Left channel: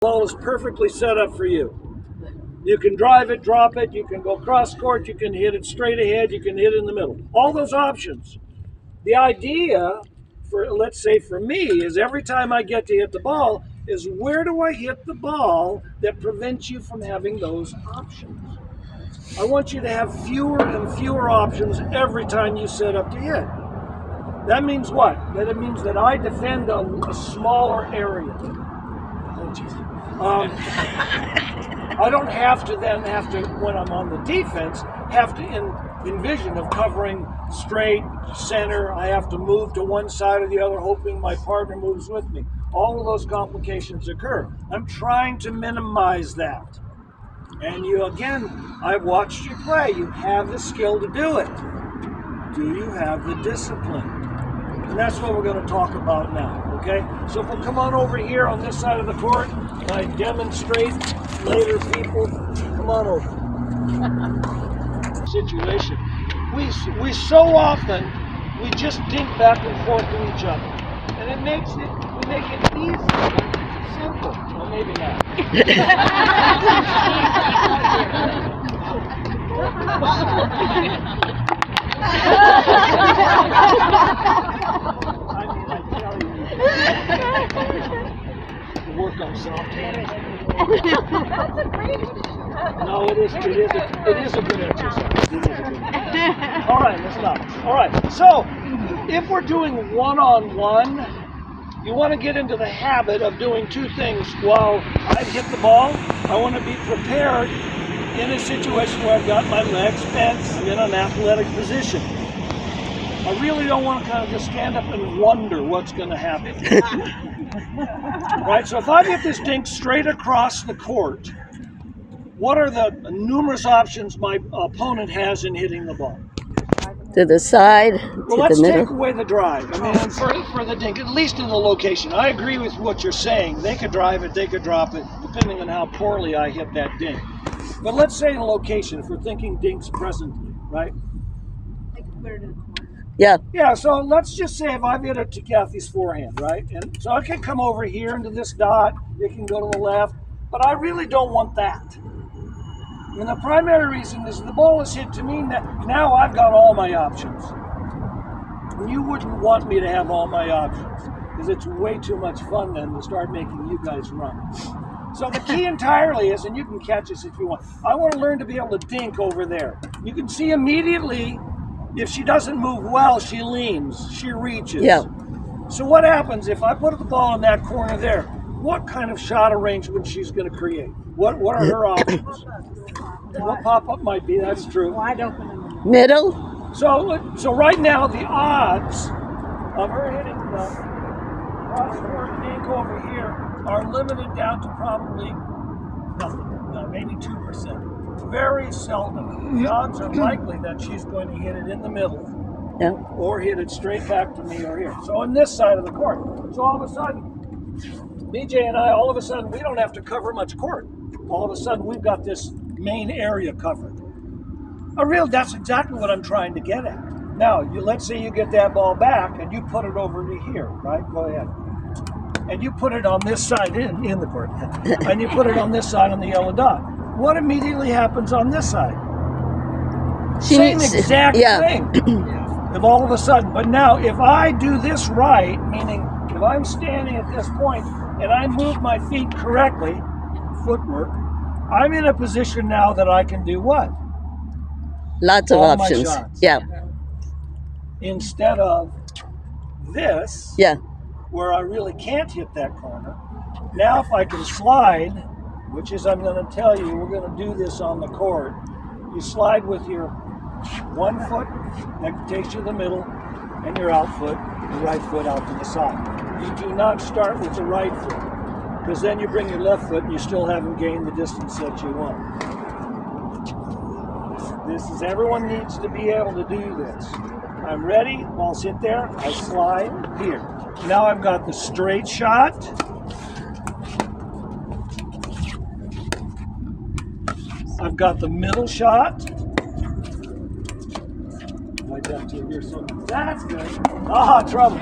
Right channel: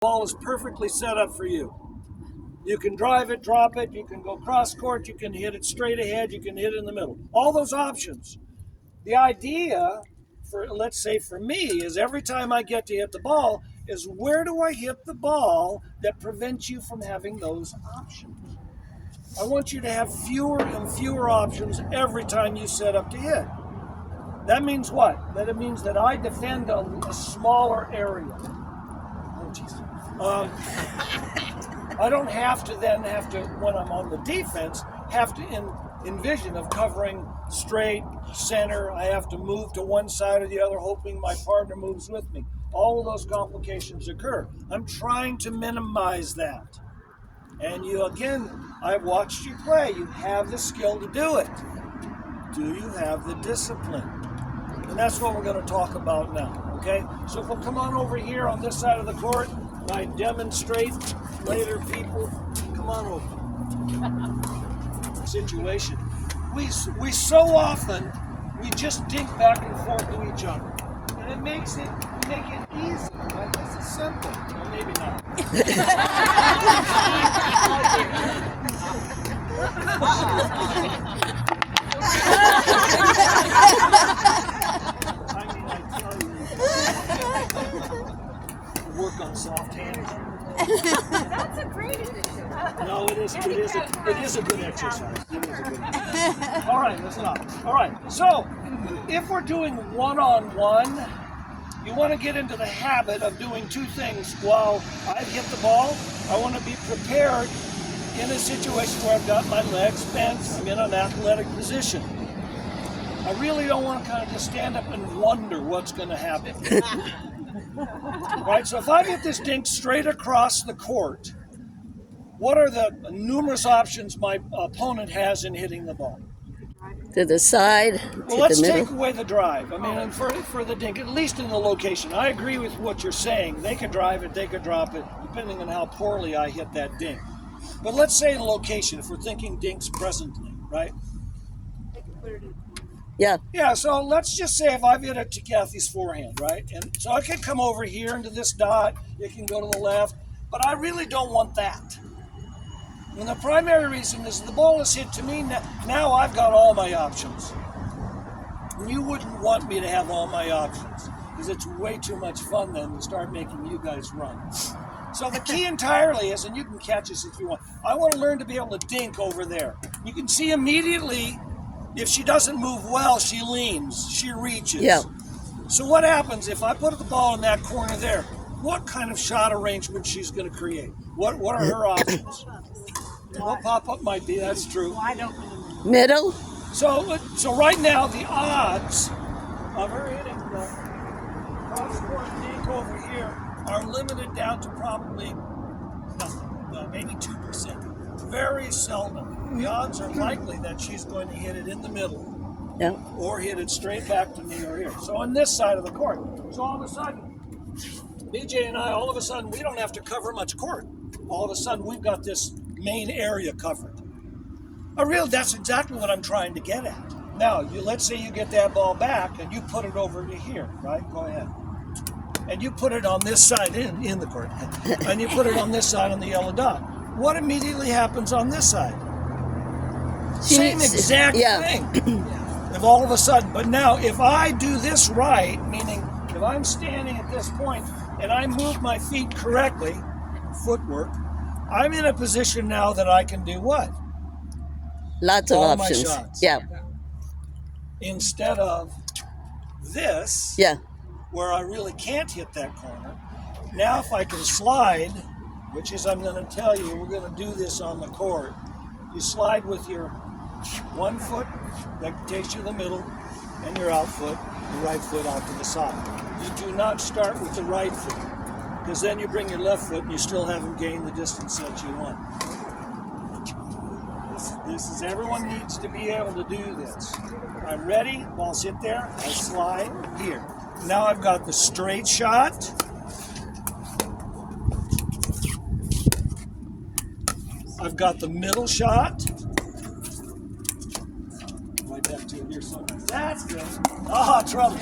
Ball is perfectly set up for you. You can drive it, drop it, you can go cross court, you can hit it straight ahead, you can hit it in the middle. All those options. The idea for, let's say for me, is every time I get to hit the ball, is where do I hit the ball that prevents you from having those options? I want you to have fewer and fewer options every time you set up to hit. That means what? That it means that I defend a smaller area. I don't have to, when I'm on the defense, have to envision of covering straight, center. I have to move to one side or the other, hoping my partner moves with me. All of those complications occur. I'm trying to minimize that. And you, again, I've watched you play. You have the skill to do it. Do you have the discipline? And that's what we're going to talk about now, okay? So if we'll come on over here on this side of the court, I demonstrate later, people, come on over. Situation. We so often, we just dink back and forth to each other. And it makes it, we make it easy, right? This is simple. Well, maybe not. Work on soft hands. That's a great addition. No, it is a good exercise. All right, let's stop. All right, so if we're doing one-on-one, you want to get into the habit of doing two things. While I hit the ball, I want to be prepared in a situation where I've got my legs bent in an athletic position. I really don't want to kind of just stand up and wonder what's going to happen. Right, so if I get this dink straight across the court, what are the numerous options my opponent has in hitting the ball? To the side, Well, to let's the middle. take away the drive. I mean, for the dink, at least in the location. I agree with what you're saying. They could drive it, they could drop it, depending on how poorly I hit that dink. But let's say the location, if we're thinking dinks presently, right? They could put it in a corner. Yeah. Yeah, so let's just say if I've hit it to Kathy's forehand, right? And so I can come over here into this dot, it can go to the left, but I really don't want that. And the primary reason is the ball is hit to me, now I've got all my options. And you wouldn't want me to have all my options, because it's way too much fun then to start making you guys run. So the key entirely is, and you can catch this if you want, I want to learn to be able to dink over there. You can see immediately, if she doesn't move well, she leans, she reaches. Yeah. So what happens if I put the ball in that corner there? What kind of shot arrangement she's going to create? What are her options? What pop-up might be, that's true. Wide open in the middle. Middle? So right now, the odds of her hitting the cross-court dink over here are limited down to probably nothing, maybe 2%. Very seldom. The odds are likely that she's going to hit it in the middle. Yeah. Or hit it straight back to me or here. So on this side of the court. So all of a sudden, BJ and I, all of a sudden, we don't have to cover much court. All of a sudden, we've got this main area covered. That's exactly what I'm trying to get at. Now, let's say you get that ball back and you put it over to here, right? Go ahead. And you put it on this side in the court. And you put it on this side on the yellow dot. What immediately happens on this side? Same exact thing. If all of a sudden, but now if I do this right, meaning if I'm standing at this point and I move my feet correctly, footwork, I'm in a position now that I can do what? Lots of all my options. shots. Yeah. Instead of this, Yeah. where I really can't hit that corner. Now if I can slide, which is I'm going to tell you, we're going to do this on the court. You slide with your one foot that takes you to the middle and your out foot, your right foot out to the side. You do not start with the right foot, because then you bring your left foot and you still haven't gained the distance that you want. Everyone needs to be able to do this. I'm ready, I'll sit there, I slide here. Now I've got the straight shot. I've got the middle shot. Like that too here, so that's good. Ah, trouble.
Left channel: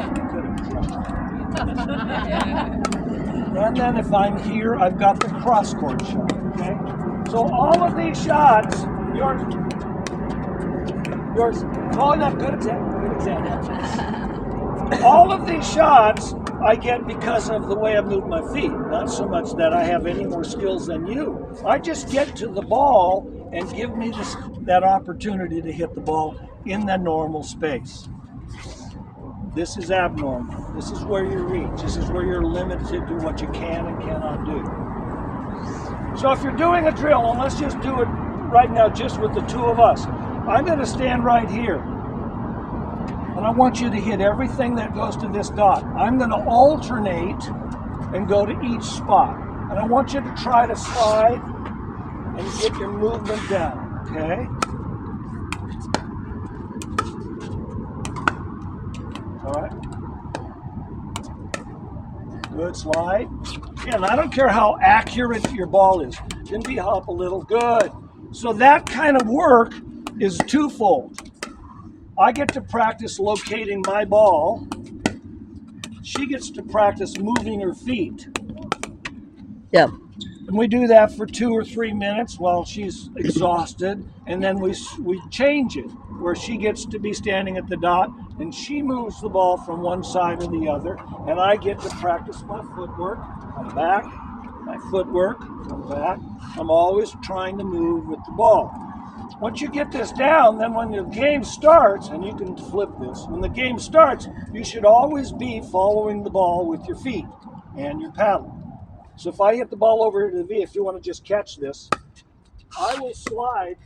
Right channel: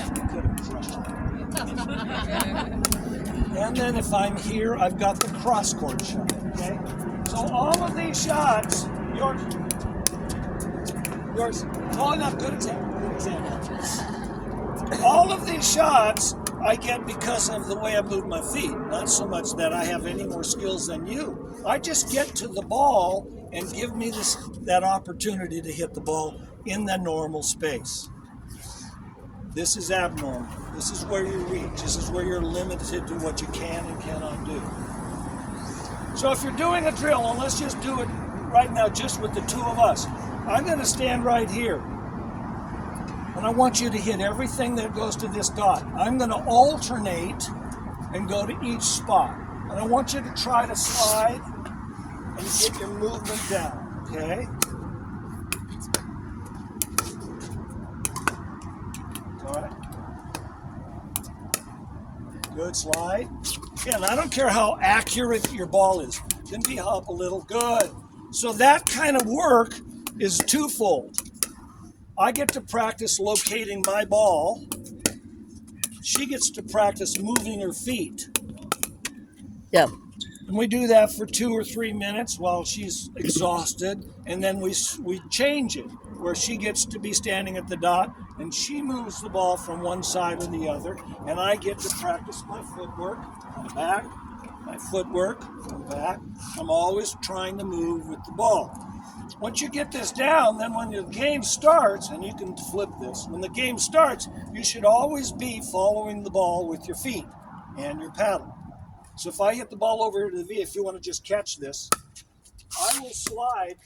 And then if I'm here, I've got the cross-court shot, okay? So all of these shots, yours, oh, no, good example. All of these shots I get because of the way I move my feet, not so much that I have any more skills than you. I just get to the ball and give me that opportunity to hit the ball in the normal space. This is abnormal. This is where you reach. This is where you're limited to what you can and cannot do. So if you're doing a drill, and let's just do it right now just with the two of us, I'm going to stand right here. And I want you to hit everything that goes to this dot. I'm going to alternate and go to each spot. And I want you to try to slide and get your movement down, okay? All right. Good slide. Yeah, and I don't care how accurate your ball is. It can be up a little. Good. So that kind of work is twofold. I get to practice locating my ball. She gets to practice moving her feet. Yeah. And we do that for 2 or 3 minutes while she's exhausted, and then we change it, where she gets to be standing at the dot, and she moves the ball from one side to the other, and I get to practice my footwork from back, my footwork from back. I'm always trying to move with the ball. Once you get this down, then when the game starts, and you can flip this, when the game starts, you should always be following the ball with your feet and your paddle. So if I hit the ball over to the V, if you want to just catch this, I will slide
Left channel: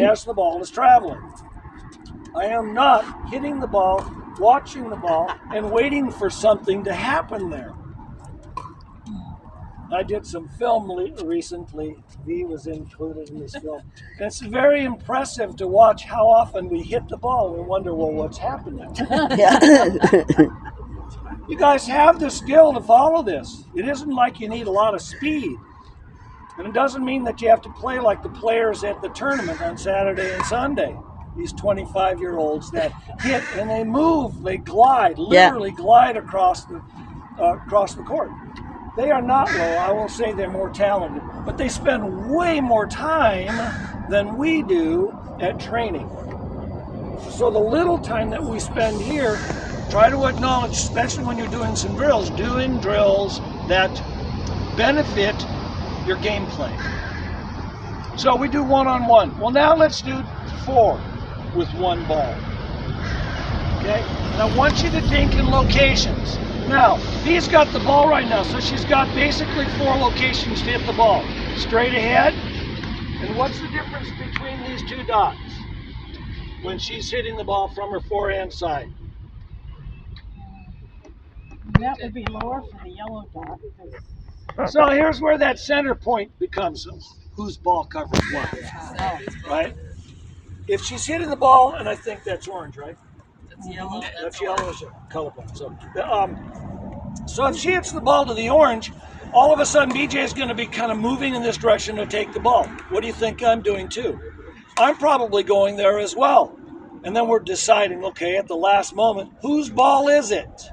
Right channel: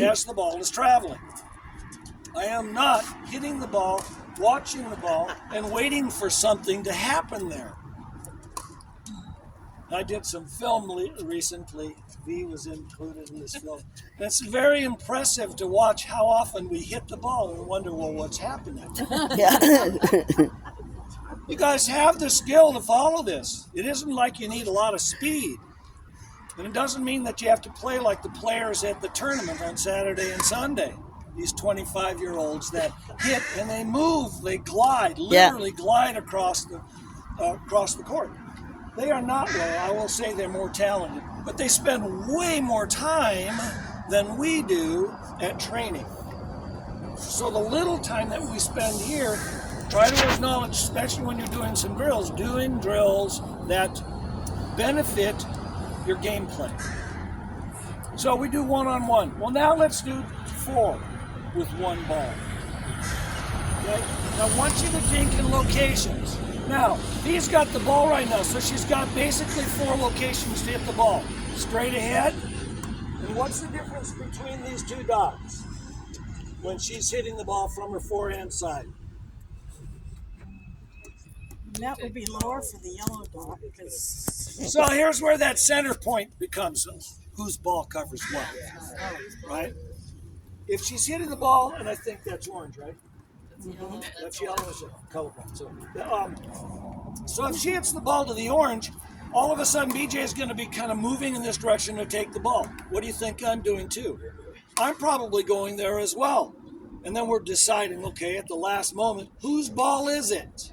as the ball is traveling. I am not hitting the ball, watching the ball, and waiting for something to happen there. I did some film recently. V was included in this film. And it's very impressive to watch how often we hit the ball and wonder, well, what's happening? You guys have the skill to follow this. It isn't like you need a lot of speed. And it doesn't mean that you have to play like the players at the tournament on Saturday and Sunday. These 25-year-olds that hit and they move, they glide, literally glide across the court. They are not low. I will say they're more talented, but they spend way more time than we do at training. So the little time that we spend here, try to acknowledge, especially when you're doing some drills, doing drills that benefit your gameplay. So we do one-on-one. Well, now let's do 4 with one ball. Okay? And I want you to dink in locations. Now, V's got the ball right now, so she's got basically 4 locations to hit the ball. Straight ahead. And what's the difference between these 2 dots when she's hitting the ball from her forehand side? That would be lower for the yellow dot because. So here's where that center point becomes whose ball covers what, right? If she's hitting the ball, and I think that's orange, right? That's yellow. That's yellow is colorblind. So if she hits the ball to the orange, all of a sudden BJ is going to be kind of moving in this direction to take the ball. What do you think I'm doing too? I'm probably going there as well. And then we're deciding, okay, at the last moment, whose ball is it?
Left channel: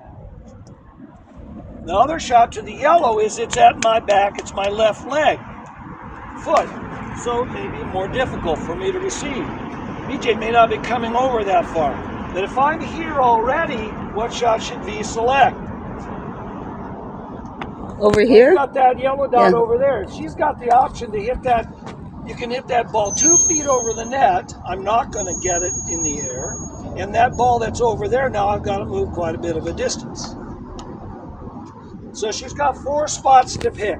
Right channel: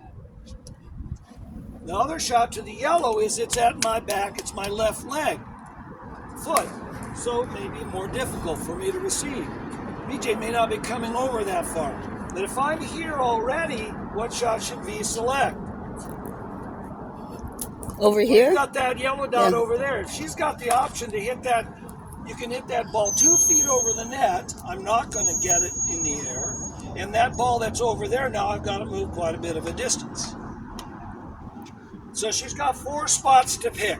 The other shot to the yellow is it's at my back, it's my left leg, foot. So it may be more difficult for me to receive. BJ may not be coming over that far. But if I'm here already, what shot should V select? Over here? We've got that yellow dot over there. She's got the option to hit that. You can hit that ball 2 feet over the net. I'm not going to get it in the air. And that ball that's over there now, I've got to move quite a bit of a distance. So she's got 4 spots to pick.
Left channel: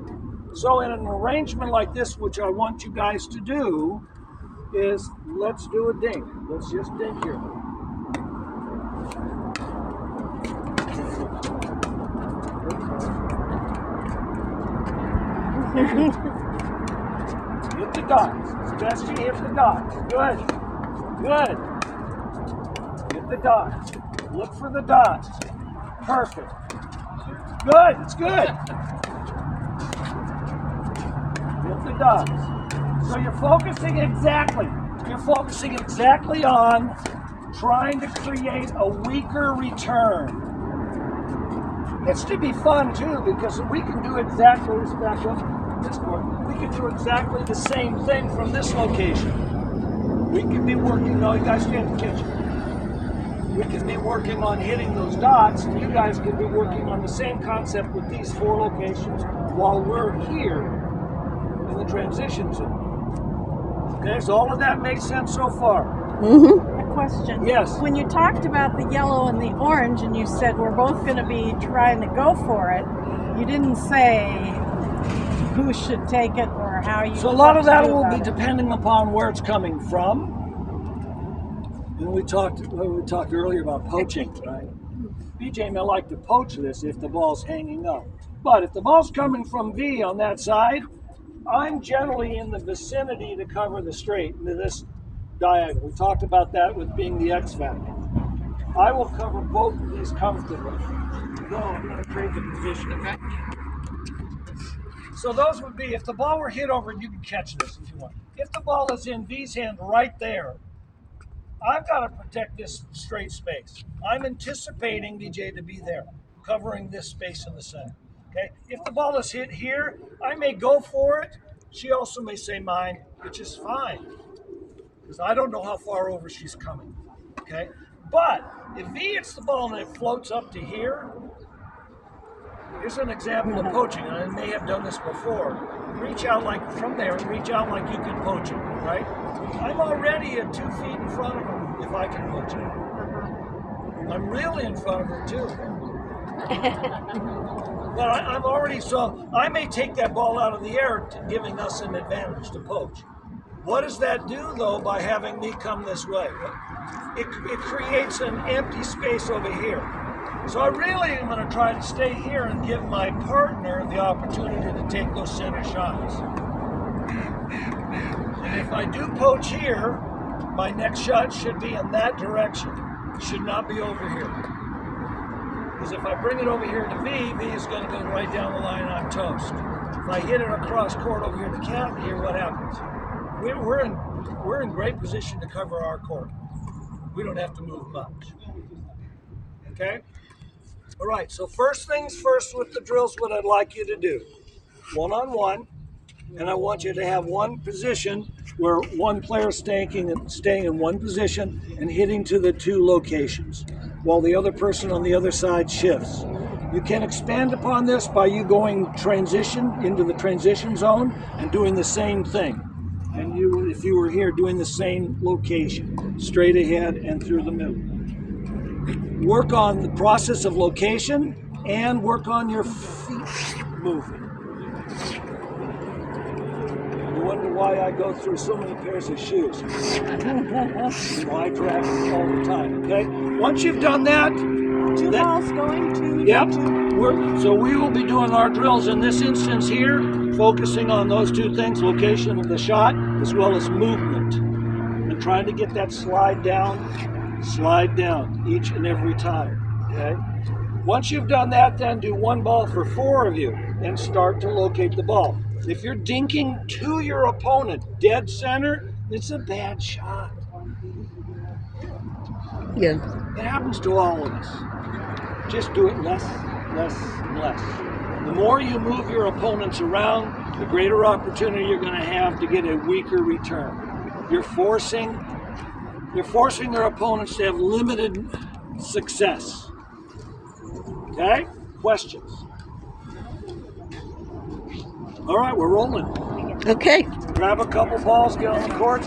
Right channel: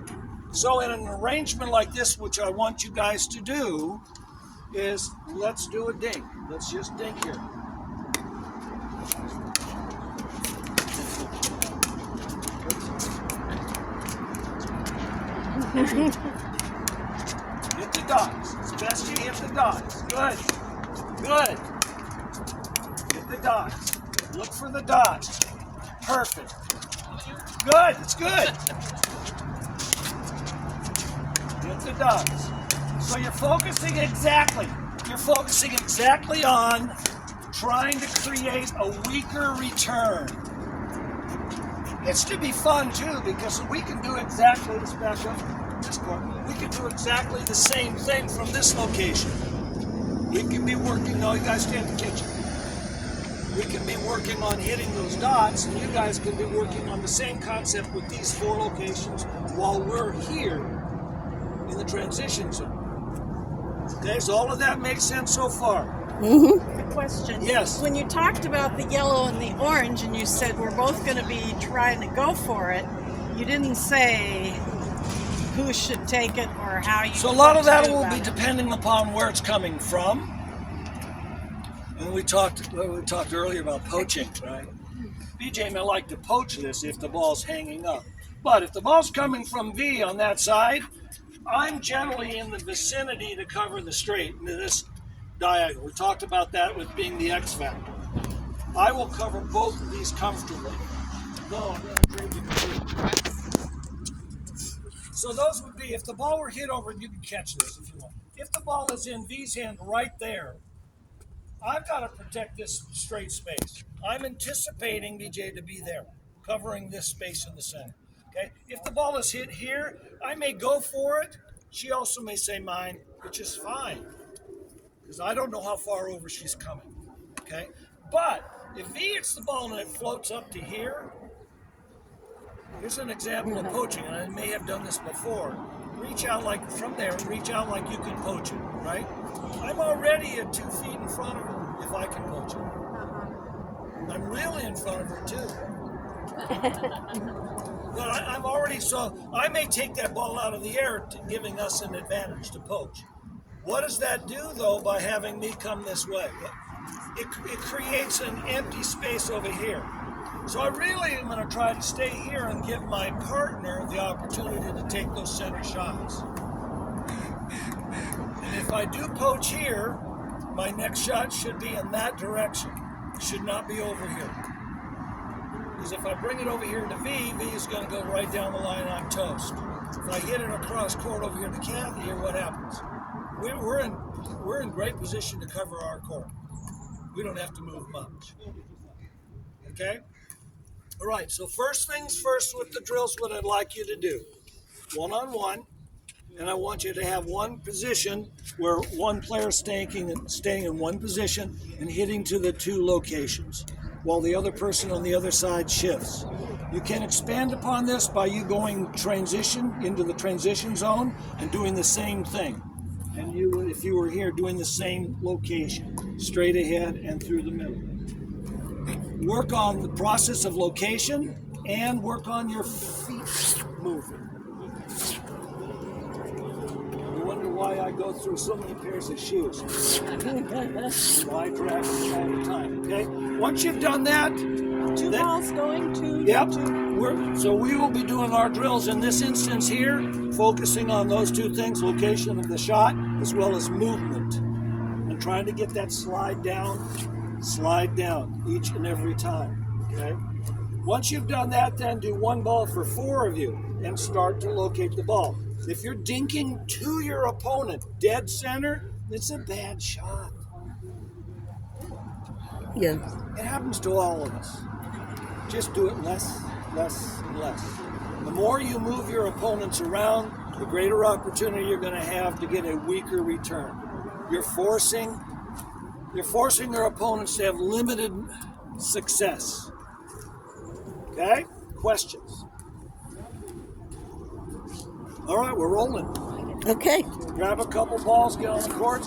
So in an arrangement like this, which I want you guys to do, is let's do a dink. Let's just dink here. Hit the dots. It's best you hit the dots. Good. Good. Hit the dots. Look for the dots. Perfect. Good. It's good. Hit the dots. So you're focusing exactly on trying to create a weaker return. It's to be fun too, because we can do exactly this back up this court. We can do exactly the same thing from this location. We can be working. No, you guys stay in the kitchen. We can be working on hitting those dots, and you guys can be working on the same concept with these 4 locations while we're here in the transition zone. Okay, so all of that makes sense so far. A question. Yes. When you talked about the yellow and the orange, and you said we're both going to be trying to go for it, you didn't say who should take it or how you. So a lot of that do will about be it. depending upon where it's coming from. And we talked earlier about poaching, right? BJ may like to poach this if the ball's hanging up. But if the ball's coming from V on that side, I'm generally in the vicinity to cover the straight into this diagonal. We talked about that with being the X factor. I will cover both of these comfortably. No, I'm going to trade the position. So those would be, if the ball were hit over, and you can catch this if you want. If the ball is in V's hand right there, I've got to protect this straight space. I'm anticipating BJ to be there, covering this space in the center. Okay. If the ball is hit here, I may go for it. She also may say mine, which is fine, because I don't know how far over she's coming. Okay. But if V hits the ball and it floats up to here, here's an example of poaching, and I may have done this before. Reach out like from there, and reach out like you can poach it, right? I'm already at 2 feet in front of her if I can poach it. I'm really in front of her too. But I'm already, so I may take that ball out of the air, giving us an advantage to poach. What does that do though by having me come this way? It creates an empty space over here. So I really am going to try to stay here and give my partner the opportunity to take those center shots. And if I do poach here, my next shot should be in that direction. It should not be over here. Because if I bring it over here to V, V is going to go right down the line and I'm toast. If I hit it across court over here to Kathy, here what happens? We're in great position to cover our court. We don't have to move much. Okay? All right, so first things first with the drills, what I'd like you to do. One-on-one, and I want you to have one position where one player is staying in one position and hitting to the 2 locations, while the other person on the other side shifts. You can expand upon this by you going transition into the transition zone and doing the same thing. And you, if you were here, doing the same location, straight ahead and through the middle. Work on the process of location and work on your feet moving. You wonder why I go through so many pairs of shoes. I drag all the time, okay? Once you've done that, 2 balls going to. yep. So we will be doing our drills in this instance here, focusing on those 2 things, location of the shot, as well as movement. And trying to get that slide down each and every time, okay? Once you've done that, then do 1 ball for 4 of you and start to locate the ball. If you're dinking to your opponent, dead center, it's a bad shot. Yeah. It happens to all of us. Just do it less, and less. The more you move your opponents around, the greater opportunity you're going to have to get a weaker return. You're forcing their opponents to have limited success. Okay? Questions? All right, we're rolling. Okay. Grab a couple balls, get on the court.